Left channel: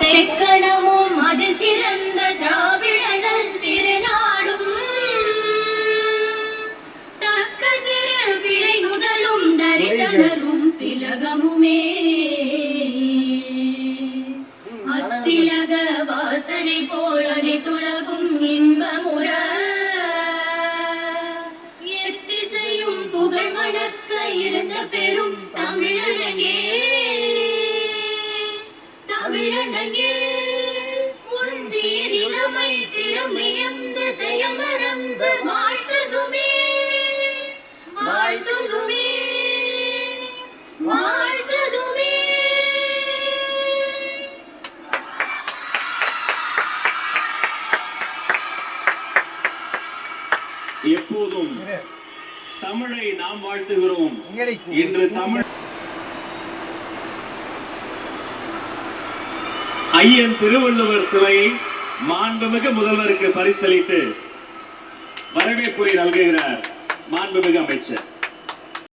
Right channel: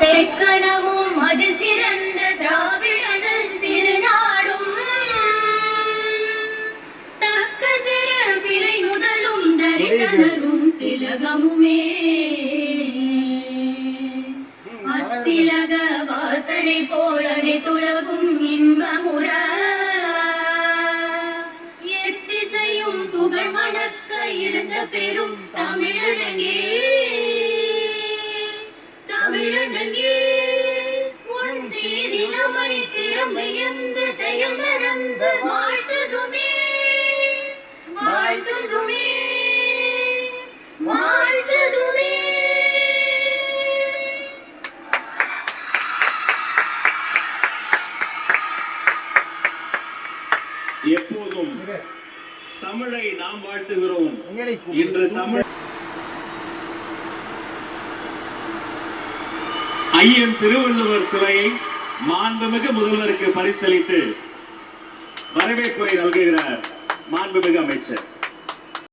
தெக்கணமும் அது சிறந்த திராவிடனன் திருநாடும் தக்க சிறு பிறை முதலும் தரிசனரும் திலகமுமே அத்திலக வாசனை போலனை துலகும் இன்பமுற எத்திசையும் புகழ் மணக்க இருந்த பெரும் தமிழனே தமிழனே உன் சீரினமை சிறமையந்த செயல் மறந்து வாழ்த்துதுமே வாழ்த்துதுமே வாழ்த்துதுமே. எப்போதும் தமிழை நாம் வாழ்த்துகிறோம். இன்று தமிழ் ஐயன் திருவள்ளுவர் சிலையை மாண்புமிகு முதல்வருக்கு பரிசளித்து வரவேற்புரை நல்குகிறார் மாண்புமிகு அமைச்சர்.